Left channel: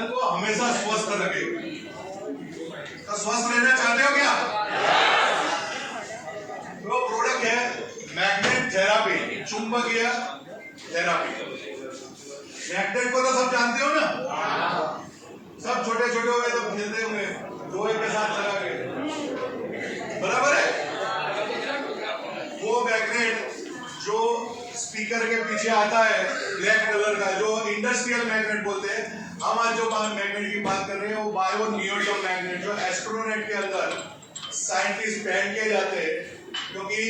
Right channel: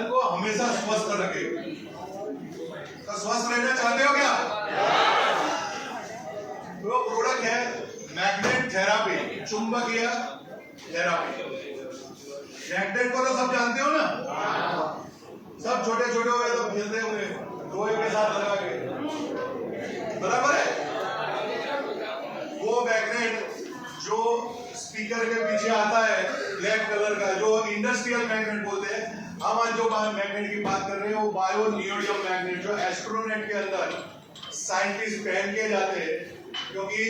मन को हमेशा स्वस्थ रखे। तो स्वस्थ रहना चाहते हो क्या? वो प्रोडक्ट है मैग्नेट थेरापी, चुंबकीय थेरापी। मैग्नेट को तो सब जानते हो ना, सब छोटे छोटे हो गए तो खेलते होंगे लोहे के साथ लगा के, बराबर है। वो मैग्नेट जो स्पीकर के पीछे आता है ब्लैक कलर का, जो इंडस्ट्रियल मैग्नेट बोलते हैं, हम आज जो मैग्नेट की बात कर रहे हैं वो बायो नियोडियम मैग्नेट, जो एस्ट्रोनेट के अंदर साइंटिस्ट पहन के जाते हैं, क्योंकि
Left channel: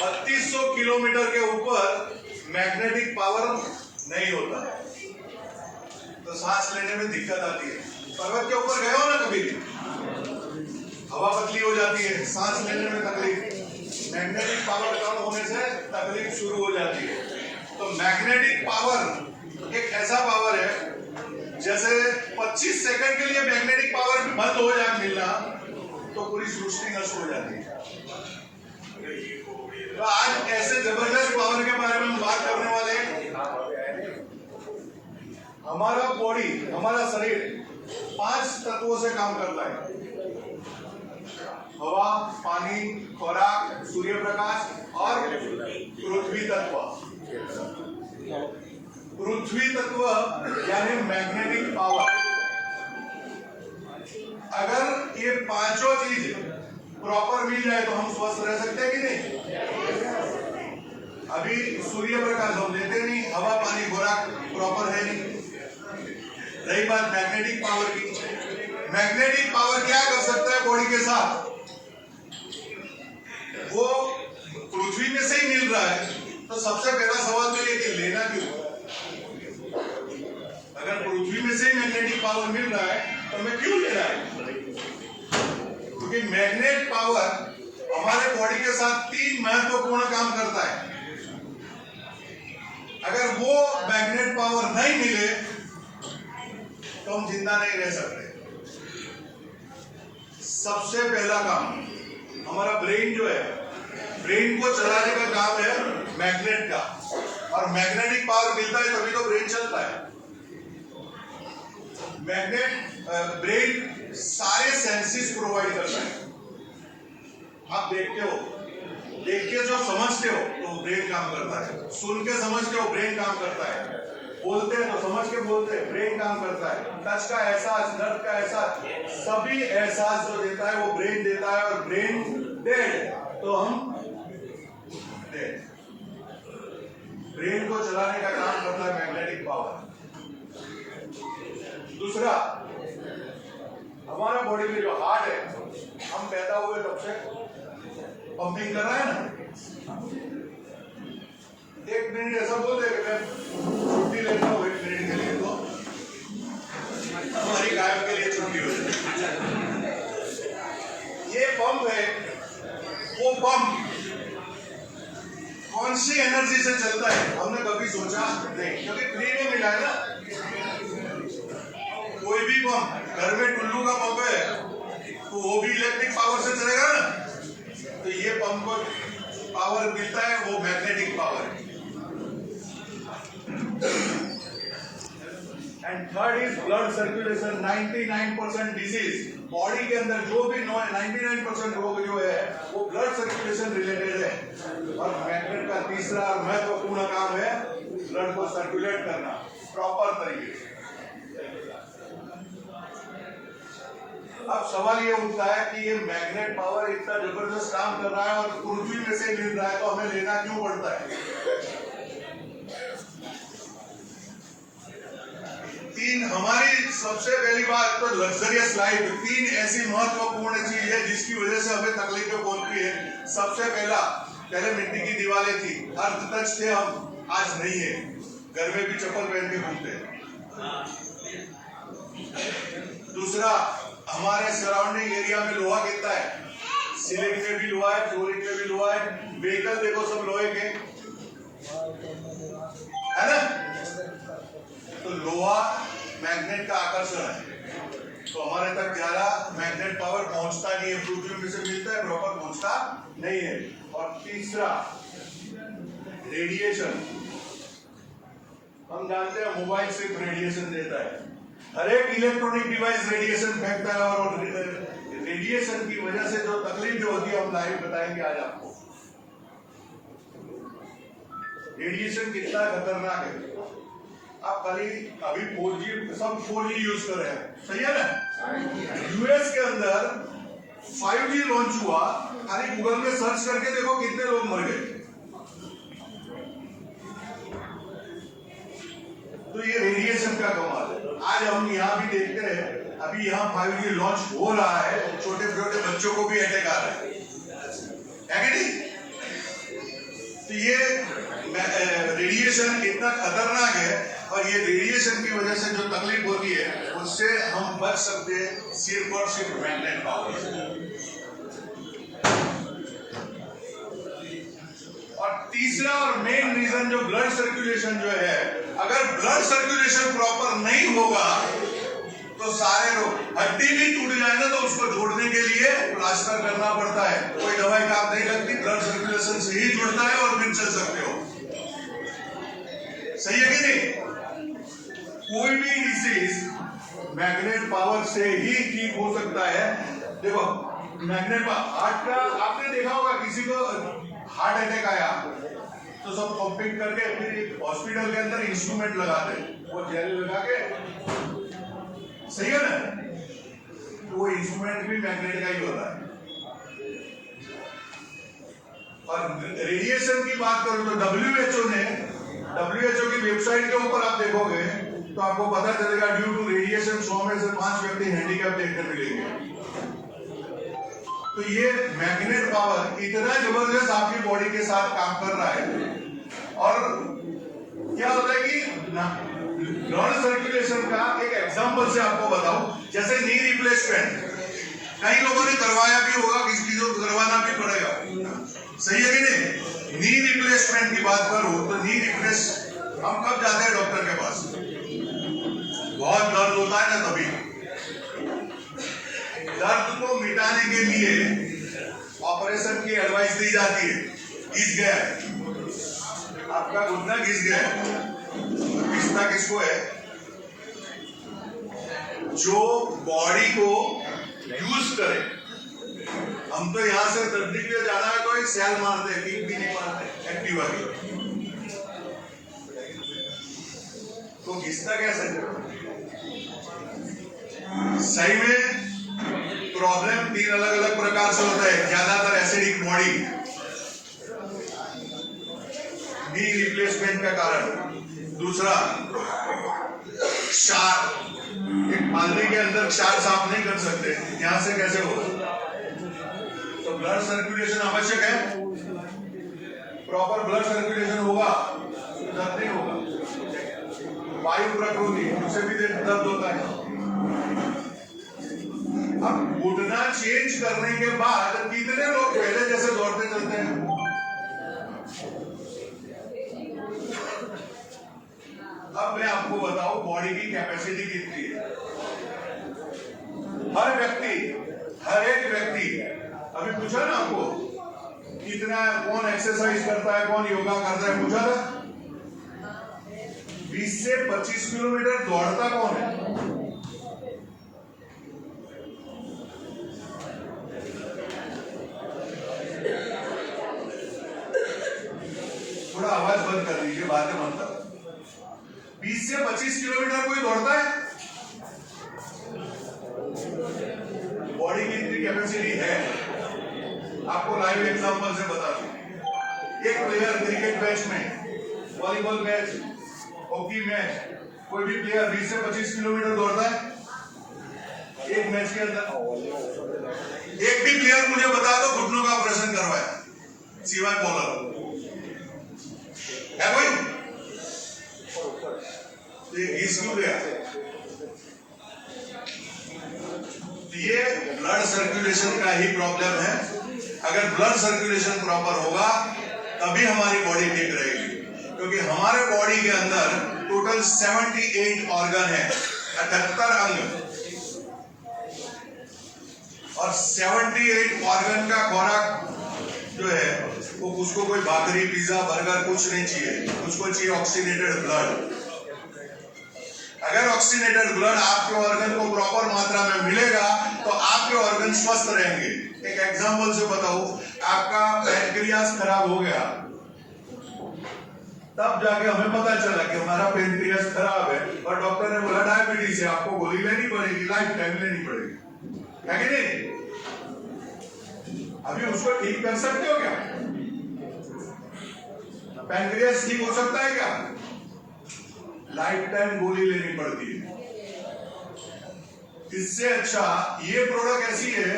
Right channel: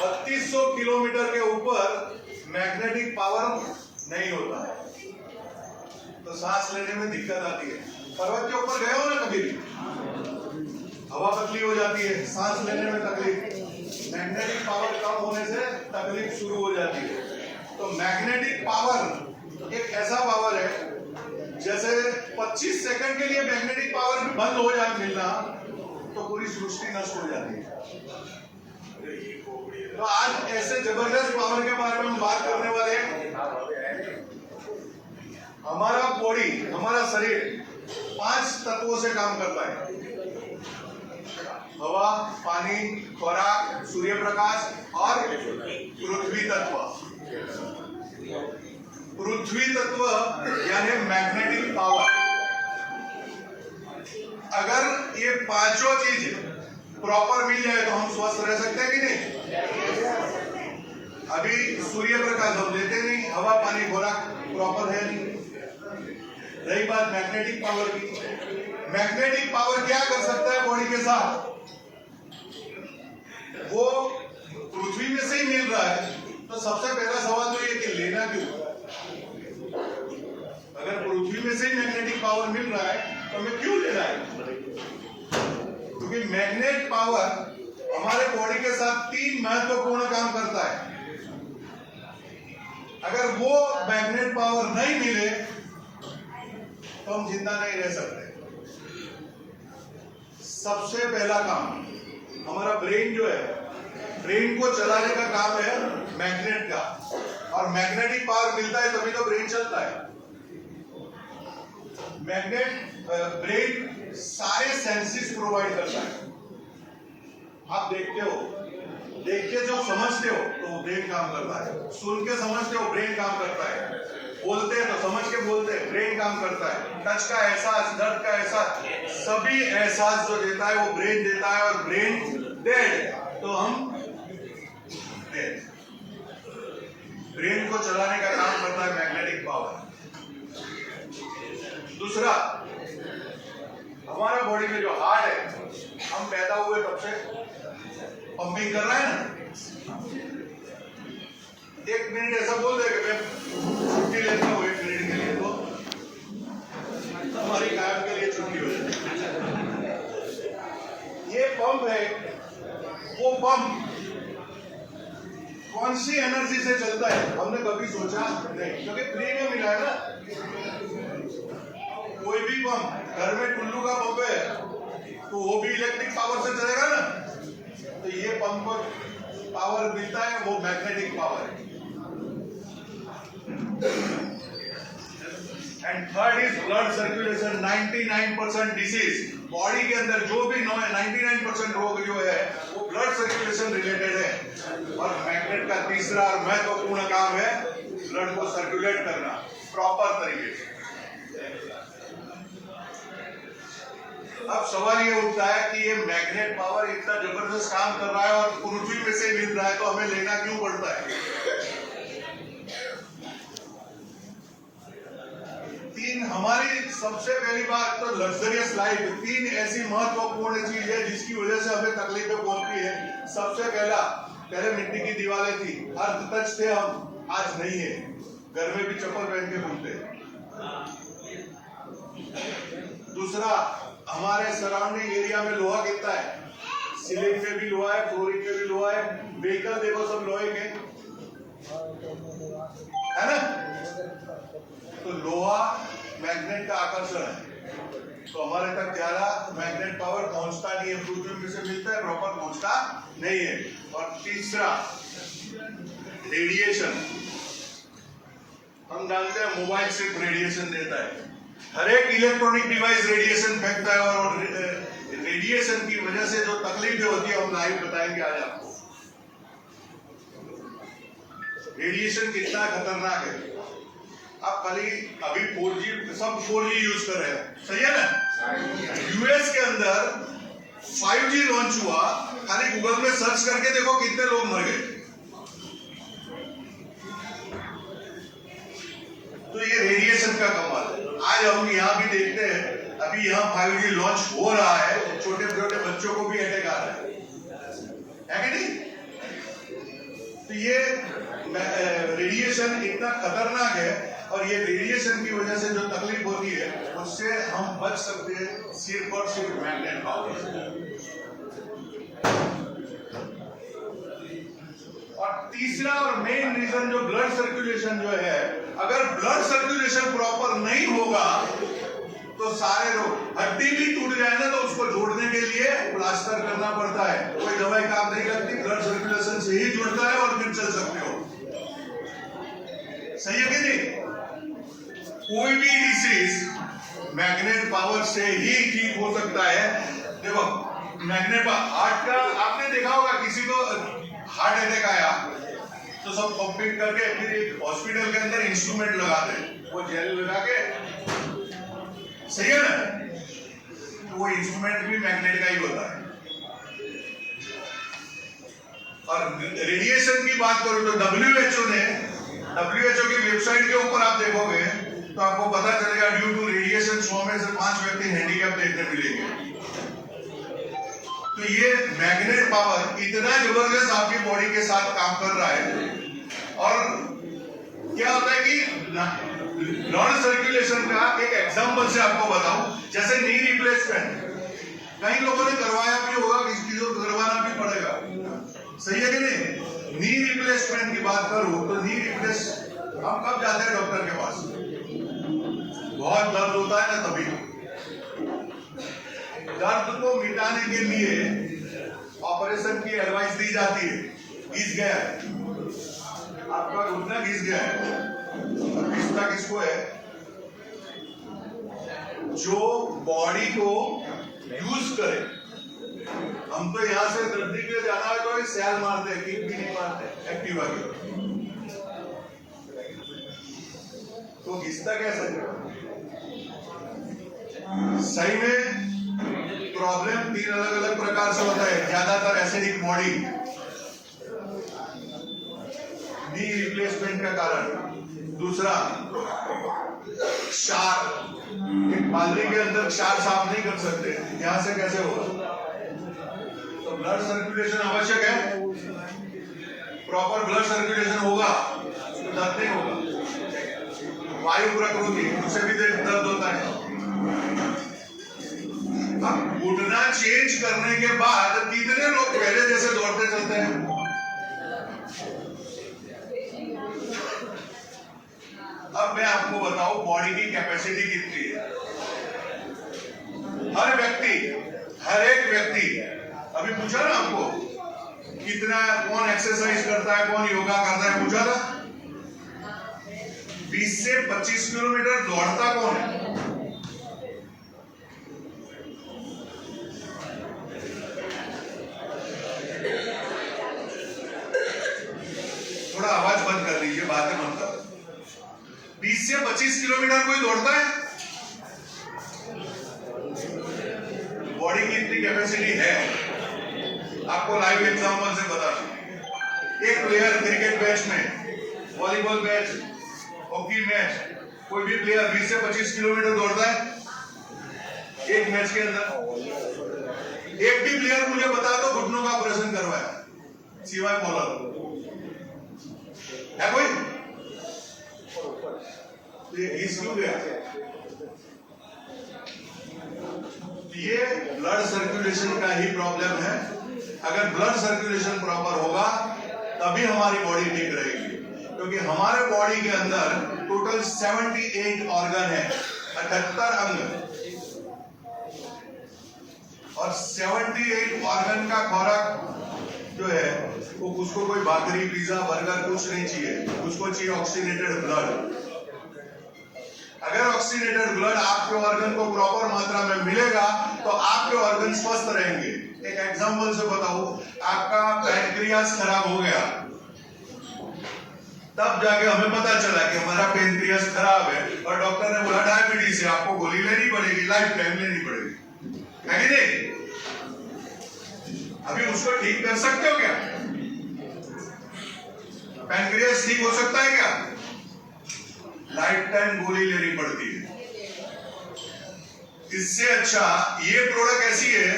3200 किलोमीटर के ऊपर मैग्नेटिक पावर नहीं होता है, तो सांस लेने में दिक्कत आती है। पर्वत के ऊपर गए हो ना कभी, हवा पतली हो जाती है, सांस लेने में तकलीफ, मैग्नेटिक पावर कम होने से तकलीफ शुरू हो जाती है। तो मैग्नेटिक पावर एक ऐसा पावर है, जैसे 25 सेकंड के लिए मैग्नेटिक पावर बंद हो जाए मिलना तो पूरी सृष्टि नष्ट हो जाती है। तो आज ऐसे जबरदस्त पावर के बारे में हम बात करने वाले हैं। हमारा बॉडी, हमारा शरीर 5 तत्वों से काम करता है: हवा, पानी, खुराक, सूर्य प्रकाश और पृथ्वी तत्व। पृथ्वी तत्व यानी मैग्नेटिक पावर। अगर ये पांचों चीज प्रॉपर मिल जाए तो हम स्वस्थ रह सकते हैं कि नहीं? अभी सूर्य प्रकाश हम लेते नहीं, हवा, पानी, खुराक प्रॉपर है नहीं। रही बात मैग्नेटिक पावर की, मैग्नेटिक पावर क्या कर सकता है बॉडी के साथ? वो पृथ्वी में से ही मिल रहा है, तो सबसे पहला सवाल तो ये कि लेना क्यों? अगर पृथ्वी में से ही मैग्नेटिक पावर मिल रहा है तो हमें क्यों लेना है? क्योंकि मैग्नेट पावर हमारे बॉडी के साथ 3 महत्वपूर्ण काम करता है। अगर वो मैग्नेट पावर नहीं मिले तो हम जिंदा नहीं रह सकते। सबसे पहला काम हमारा ब्रेन जो है, ब्रेन को चलाने का काम है मैग्नेट का, और मैग्नेटिक पावर मिलता है तभी तो ब्रेन चलता है। मैग्नेट ब्रेन सारे सेंसेस प्रोवाइड करता है। आप देखते हो, देख के जो समझते हो तो ब्रेन काम करता है, सुन के समझते हो ब्रेन काम करता है, बोलते हैं तो समझ के बोलते हैं ब्रेन काम करता है, टच का एहसास, दर्द का एहसास, सभी एहसास जो देता है वो ब्रेन देता है। और ब्रेन डेड तो हम डेड। ब्रेन को चलाने का काम करता है मैग्नेटिक पावर। दूसरा, हमारा बॉडी में जो हार्ट है, हम पैदा हुए तब से पंपिंग कर रहा है ना। 1 मिनट ऐसा बोल दे कि मैं छुट्टी लेता हूँ 1 मिनट के लिए, तो हमारी कायम के लिए छुट्टी हो जाती है। ये पंप है, वो पंप कौन सी एनर्जी से चलता है हमने कभी सोचा नहीं, क्योंकि फ्री में मिला है ना। कोई भी पंप, घर में टुल्लू का पंप है तो वो भी इलेक्ट्रिक पावर से चलेगा ना। तो ये पंप को पावर मिलता है, वो मैग्नेटिक पावर है। And third is blood circulation. 99% disease body के अंदर जो भी 99% रोग जो है वो ब्लड सर्कुलेशन रिलेटेड है। और मैग्नेट का तीसरा और महत्वपूर्ण काम है ब्लड को सर्कुलेट करना प्रॉपर तरीके से। अब सवाल ये उठता है कि ये मैग्नेट पावर इतना जबरदस्त काम कर रहा है और पृथ्वी में से मिल रहा है, तो हमें लेना क्यों पड़ता है? 3 हमारी सबसे पहली बात तो लग्जरियस लाइफ। 3 ऐसी महत्वपूर्ण चीज है जिसकी वजह से हमें तकलीफें पहुंचती है। सबसे पहले मिट्टी की दीवारें थी, अर्थ टच थे हम, आज नहीं है। घर में भी चप्पल पहन के घूमते हैं। दूसरा, हमारे सराउंडिंग एरिया में लोहा कितना है, सीलिंग पे भी लोहा है, फ्लोरिंग पे भी लोहा है, व्हीकल देखो सब लोहे के है ना। तो लोहा मैग्नेट का आकर्षण है, तो हमारे तक ज्यादा मैग्नेट पावर पहुंचता नहीं है, पृथ्वी में से मिलता है, प्रॉपर पहुंचता नहीं है। और तीसरा, रेडिएशन। हम जानते हैं मोबाइल सिर्फ रेडिएशन देता है, हर एक इलेक्ट्रॉनिक डिवाइस रेडिएशन फेंकता है और रेडिएशन की वजह से जो तकलीफें होती है हम लाइव बताएंगे आज आपको। रेडिएशन कितना खतरनाक है। आप खाली अभी 4G सब 4G यूज कर रहे हैं, सही है ना। यूएस के अंदर 5G लॉन्च हुआ, खाली गूगल में सर्च करके देखो कितने लोग मर गए। तो ये रेडिएशन का कमाल है। आज हम यहाँ भी देखते हैं, अभी यहाँ 5G लॉन्च हो रहा है, छोटे छोटे बच्चों को भी अटैक आ रहा है कि नहीं। तो ये रेडिएशन इतना खतरनाक है और ये रेडिएशन की वजह से जो तकलीफ होती है उससे हम बच सकते हैं सिर्फ और सिर्फ मेंटेन पावर से। और तीसरा और मेन रीजन जो ब्लड सर्कुलेशन जो है, अगर ब्लड सर्कुलेशन प्रॉपर नहीं होगा तो सारे रोग, हड्डी भी टूट जाए ना तो उसको जोड़ने के लिए प्लास्टर करना पड़ता है, कोई दवाई काम नहीं लगती, ब्लड सर्कुलेशन से ही जुड़ता है और फिर चल सकते हो। सही है कि नहीं। कोई भी डिसीज मैग्नेट पावर से ही ठीक हो सकता है। देखो मैग्नेट हार्ट का आपने देखा होगा, किसी को हार्ट अटैक आया तो सब कंप्लीट करके फिर एक हॉस्पिटल के अंदर इंस्ट्रूमेंट लगाते हैं, वो जेल लगा के, सही है ना। तो वो इंस्ट्रूमेंट भी मैग्नेट का ही होता है। और रेडिएशन की बात करूं तो WHO की वेबसाइट के ऊपर आप देखोगे तो आपको पता चलेगा ड्यू टू रेडिएशन 100 में से 5 व्यक्ति हैंडीकैप देखने मिलेंगे। तो ये मैग्नेट पावर इतना जबरदस्त आपकी बॉडी के साथ काम कर रहा है। और क्या होता है कि ब्लड सर्कुलेशन का एक एग्जांपल से आपको बताऊं, जैसे नी रिप्लेसमेंट कई लोगों ने करवाया भी होगा, किसी को करवाना भी पड़ेगा, सही है कि नहीं। नी रिप्लेसमेंट की बात करूं तो नी रिप्लेस हम कब जाते हैं डॉक्टर के पास, बहुत दर्द होता है ना, तभी दर्द को मिटाने के लिए ऑपरेशन की एडवाइस दी जाती है। घिस गया है आपका घुटना, घिस गया है, घिसता किसको है, जो बॉडी को यूज करे। हम तो यहां से तकलीफ पे जाना है तो एक सैल मारते हैं, किक भी नहीं मारते एक्टिवा की, तो घिसता कैसे। सही में प्रॉब्लम 3 अलग अलग प्रकार से होता है। ज्यादातर एसिडिक बॉडी नी रिप्लेसमेंट का कारण। दूसरा क्षार, एक बाल्टी के अंदर क्षार साफ नहीं कर सकते, यहां से कैसे होगा। तो ब्लड सर्कुलेशन आवश्यक है, प्रॉपर ब्लड सर्कुलेशन होगा तो दर्द नहीं होगा। वायु प्रकृति, उससे भी दर्द होता है। अब घुटना चेंज करने के बाद कितने लोग पहले जैसे दौड़ते चलते हैं। अब मैं आपको बताऊं बॉडी की कैपेसिटी कितनी है। हर एक व्यक्ति अभी पूछा ना आपको, कितना कौन एक्सरसाइज करता है, कौन योगा करता है, पूछा था। 20 से 25 किलोमीटर दौड़ता कौन है। थोड़ा आवाज बंद कर दीजिए, बातें मत करो। 20 से 25 किलोमीटर कोई दौड़ता है। बॉडी की इतनी कैपेसिटी है, आपको लाइव एग्जांपल से बता दूं। एक प्लेयर क्रिकेट मैच में, वॉलीबॉल मैच, हॉकी मैच, कोई भी प्लेयर 20 से 25 किलोमीटर दौड़ता है एक मैच के अंदर। एक भी प्लेयर मुझे बता दो घुटनों का ऑपरेशन करवाया सिवाय बॉलर है कोई। घिस क्यों गया। ये ब्लड सर्कुलेशन का ही प्रॉब्लम है। अगर ब्लड सर्कुलेशन प्रॉपर होगा तभी हमारी बॉडी ठीक रहेगी, क्योंकि हमारे बॉडी के अंदर टोटल 78 ऑर्गन है, 78 अंग, और 78 ऑर्गन का खुराक जो है वो उसको कोई भाकरी, पिज्जा, बर्गर कुछ नहीं चाहिए, उसको चाहिए ऑक्सीनेटेड ब्लड। अगर ऑक्सीनेटेड ब्लड आपके ऑर्गन को प्रॉपर मात्रा में मिलेगा तो आपके ऑर्गन स्वस्थ रहेंगे। एक एग्जांपल से बताऊं, आपका पैनक्रियास खराब हो गया, तब जाके हमें पता चला कि हमारा पैनक्रियास खराब है और डॉक्टर ने बोला डायबिटीज है, आपको गोली लेनी पड़ेगी, लाइफ टाइम लेनी पड़ेगी, है कि नहीं? अभी उसको ठीक कर सकते हो क्या? पैनक्रियास ठीक हो सकता है क्या? लाइफ टाइम गोली लेनी पड़ती है। इससे अच्छा ये प्रोडक्ट ऐसी है,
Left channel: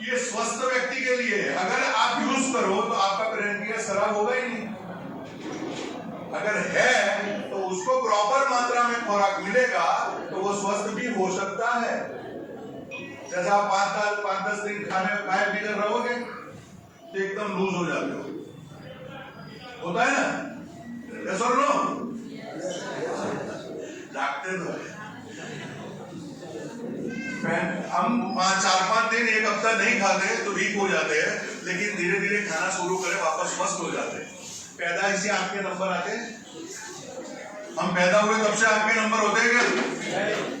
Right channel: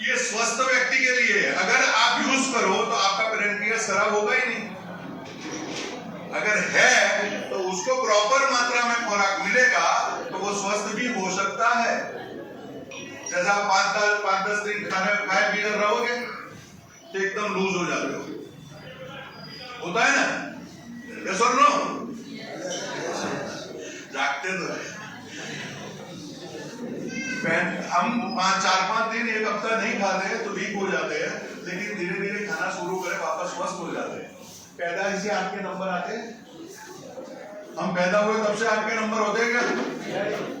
ये स्वस्थ व्यक्ति के लिए है। अगर आप यूज करो तो आपका पैनक्रियास खराब होगा ही नहीं। अगर है तो उसको प्रॉपर मात्रा में खुराक मिलेगा तो वो स्वस्थ भी हो सकता है। जैसा आप 5-10 दिन खाए बिगड़ रहोगे तो एकदम लूज हो जाते हो, होता है ना? यस और नो? जागते तो है। हम 4-5 दिन, एक हफ्ता नहीं खाते तो वीक हो जाते हैं, लेकिन धीरे धीरे खाना शुरू करें वापस स्वस्थ हो जाते हैं। पैदा से आपके नंबर आते, हम पैदा हुए तब से आपके नंबर होते हैं क्या?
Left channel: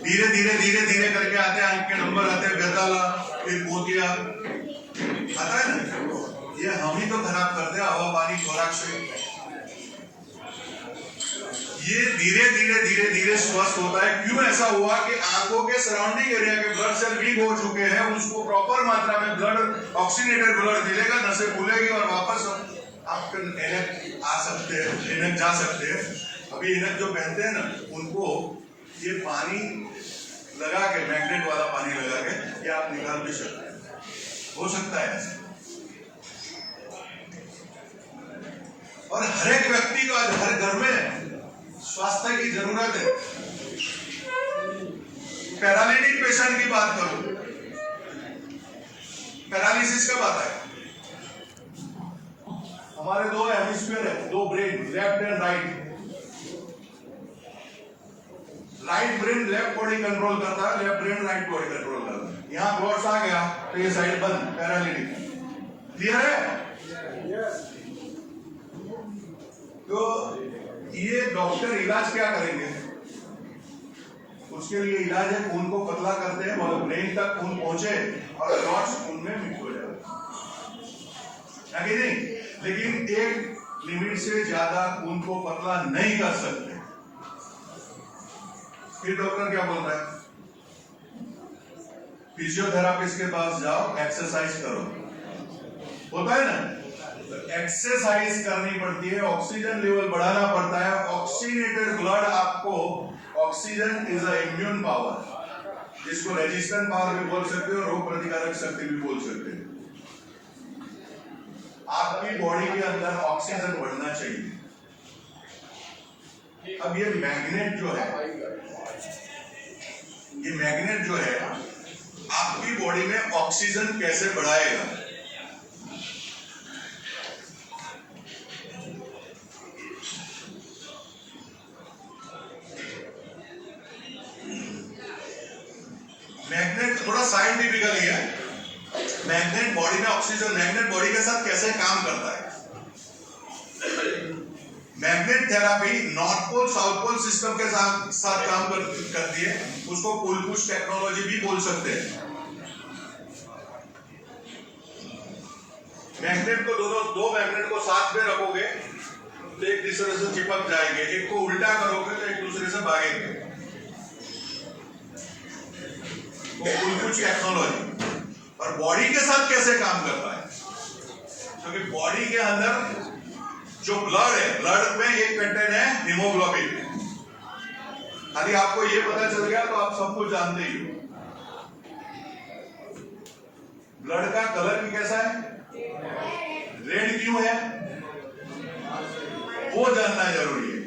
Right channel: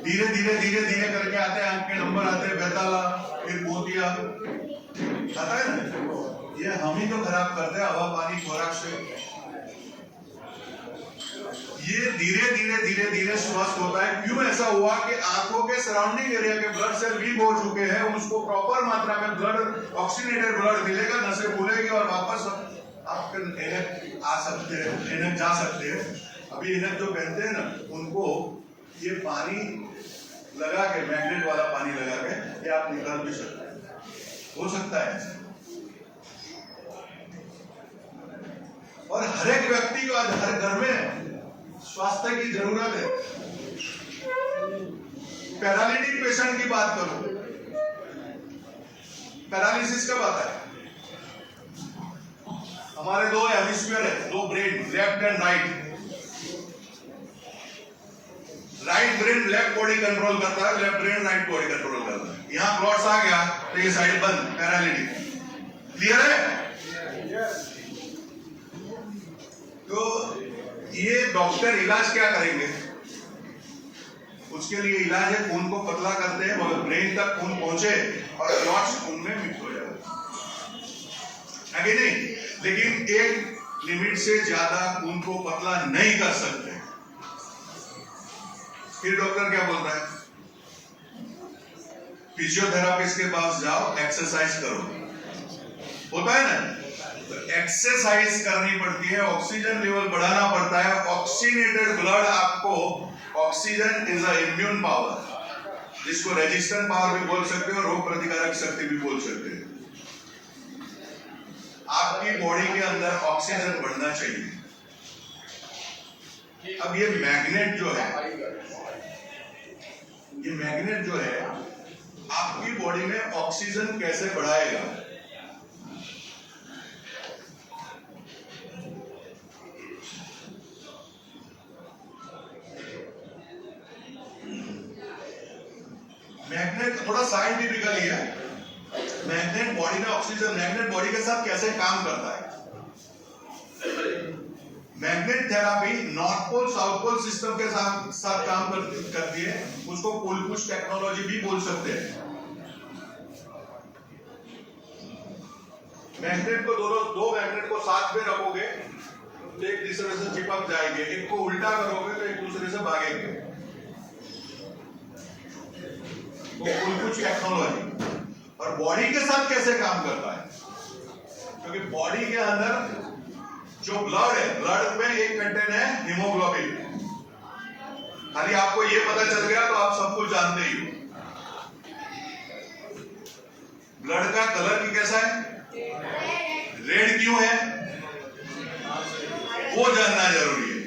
धीरे धीरे धीरे धीरे करके आते हैं, आपके नंबर आते हैं। बेताला, फिर मोतिया आता है ना, ये हम ही तो खराब करते हैं हवा पानी खुराक से। ये धीरे धीरे धीरे धीरे स्वस्थ होता है। क्यों ऐसा हुआ कि आंखों के सराउंडिंग एरिया के ब्लड सेल वीक हो चुके हैं, उसको प्रॉपर मात्रा में ब्लड, ऑक्सीनेटेड ब्लड मिलेगा, नसें खुलेगी और वापस आप एनक आ सकते हैं, एनक जा सकते हैं। अभी एनक जो पहनते हैं ना, उनको ये पानी लगा के, मैग्नेट वाला पानी लगा के, ये आप निकाल भी सकते हैं, हो सकता है। और हर एक व्यक्ति को हर घर में स्वास्थ्य की जरूरत है। पैरालिटिक पेशेंट की बात करूं, पैरालिसिस कब आता है? हमारे दो हेमिस्फीयर है, दो brain, left and right. Right brain left body control करता है, left brain right body control करता है। यहां क्लॉट्स आ गया तो ये साइड बंद, पैरालिटिक। क्लियर है? तो ये डॉक्टर इलाज क्या करेंगे? उसके लिए इलाज है, खून को पतला करते हैं और ब्रेन तक खून पहुंचे और क्लॉट्स खून में मिक्स हो जाए, है कि नहीं? लेकिन एक लिमिट से ज्यादा खून को पतला नहीं कर सकते। फिर डॉक्टर क्या बोल रहा है? फिजियोथेरापिस्ट के पास जाओ, एक्सरसाइज करो, होता है ना? एक्सरसाइज करनी पड़ती है, ऑक्सीजन लेवल बढ़ाना पड़ता है। ऑक्सीनेटेड ब्लड आपको, oxygen is a immune power, जिसको रेजिस्टेंट पावर भी बोल सकते हो, रोग प्रतिकारक शक्ति भी बोल सकते हो। आपकी बॉडी के अंदर ऑक्सीजन बढ़ना चाहिए। अब ये मैग्नेट जो है, ये मैग्नेट जो है आपकी बॉडी में ऑक्सीजन कैसे बढ़ाएगा? मैग्नेट थोड़ा साइंटिफिकली है। मैग्नेट बॉडी में ऑक्सीजन, मैग्नेट बॉडी के साथ कैसे काम करता है? Magnet therapy north pole south pole system के साथ काम करती है। उसको पुल पुश टेक्नोलॉजी भी बोल सकते हैं। मैग्नेट को दो मैग्नेट को साथ में रखोगे तो एक दूसरे से चिपक जाएंगे, एक को उल्टा करोगे तो एक दूसरे से भागेंगे। पुल पुश टेक्नोलॉजी। और बॉडी के साथ कैसे काम करता है? क्योंकि बॉडी के अंदर जो ब्लड है, ब्लड में एक कंटेंट है हीमोग्लोबिन। खाली आपको ये पता चल गया तो आप सब कुछ जानते ही हो। ब्लड का कलर भी कैसा है? रेड क्यों है वो जानना जरूरी है।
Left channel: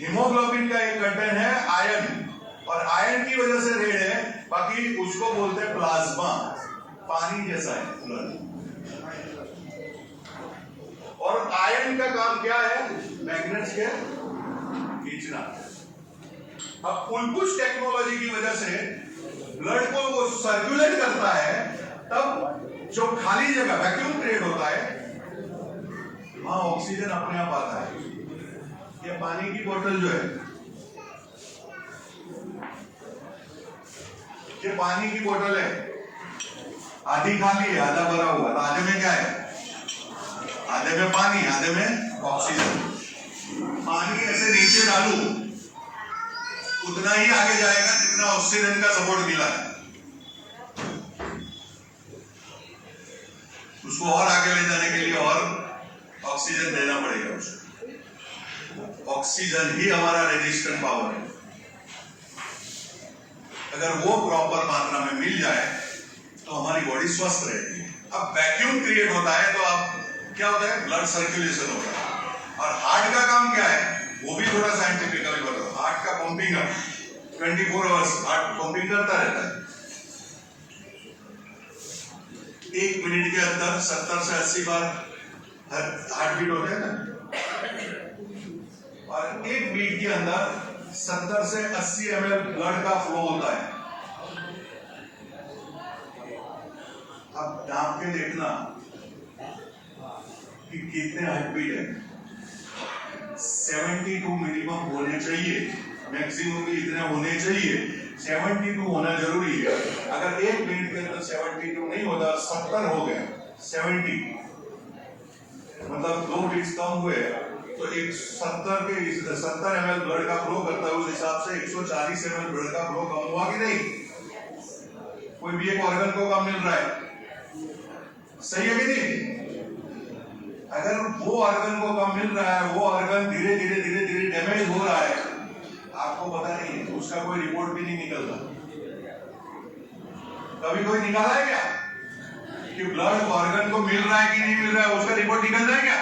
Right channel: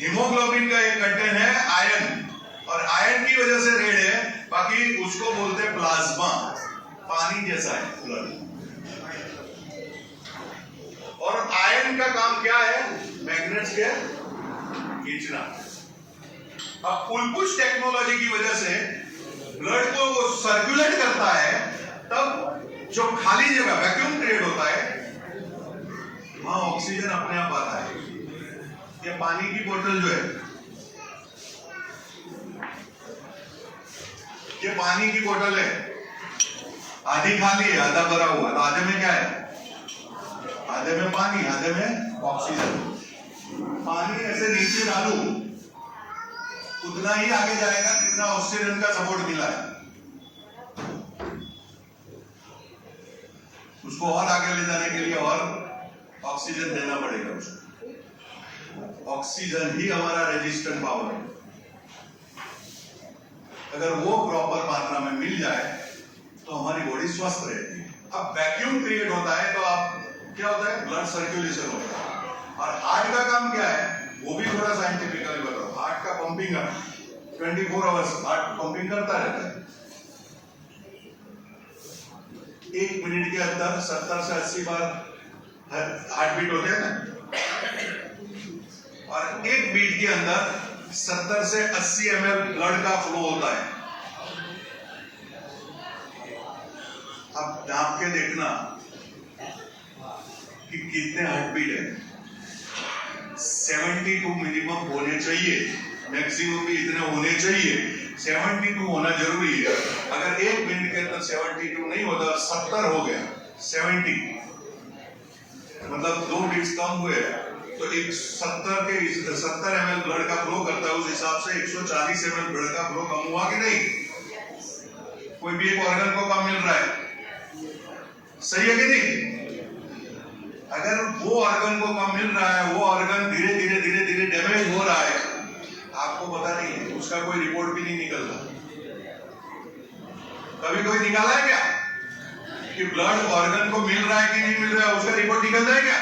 हीमोग्लोबिन का एक कंटेंट है आयरन, और आयरन की वजह से रेड है। बाकी उसको बोलते हैं प्लाज्मा, पानी जैसा है ब्लड। और आयरन का काम क्या है? मैग्नेट्स के खींचना। अब पुल पुश टेक्नोलॉजी की वजह से ब्लड को वो सर्कुलेट करता है, तब जो खाली जगह वैक्यूम क्रिएट होता है, वहां ऑक्सीजन अपने आप आता है। ये पानी की बोतल जो है, ये पानी की बोतल है, आधी खाली है आधा भरा हुआ, तो आधे में क्या है? आधे में पानी, आधे में ऑक्सीजन। पानी ऐसे नीचे डालू उतना ही आगे जाएगा जितना ऑक्सीजन का सपोर्ट मिला है। उसको और आगे ले जाने के लिए और ऑक्सीजन देना पड़ेगा उसको। ऑक्सीजन ही हमारा रेजिस्टेंट पावर है। अगर वो प्रॉपर मात्रा में मिल जाए तो हमारी बॉडी स्वस्थ रहती है। अब वैक्यूम क्रिएट होता है तो आप क्या होता है? ब्लड सर्कुलेशन होता है। और हार्ट का काम क्या है वो भी थोड़ा साइंटिफिकली बताओ। हार्ट का पंपिंग 24 आवर्स हार्ट पंपिंग करता रहता है। 1 मिनट के अंदर 70 से 80 बार हार्ट बीट होते हैं ना, और 1 बीट के अंदर 70 से 80 ml ब्लड का फ्लो होता है। अब नाप के देखना कि कितने हार्ट बीट है। 72 मिनिमम होने चाहिए, मैक्सिमम भी इतने होने चाहिए। 72 होना जरूरी है। अगर 1 मिनट के अंदर 72 नहीं होता, 70 हो गया, 70 मतलब 2 बीट्स कम हुए तो 70 ml ब्लड का फ्लो करता है। उस हिसाब से 140 ml ब्लड का फ्लो कम हुआ कि नहीं? कोई भी एक ऑर्गन को कम मिल रहा है, सही है कि नहीं? अगर वो ऑर्गन को कम मिल रहा है, वो ऑर्गन धीरे धीरे डैमेज हो रहा है, आपको पता नहीं है, उसका कोई रिपोर्ट भी नहीं निकलता। कभी कोई निकाला है क्या कि ब्लड ऑर्गन को मिल रहा है कि नहीं मिल रहा है? उसका रिपोर्ट निकल जाए क्या?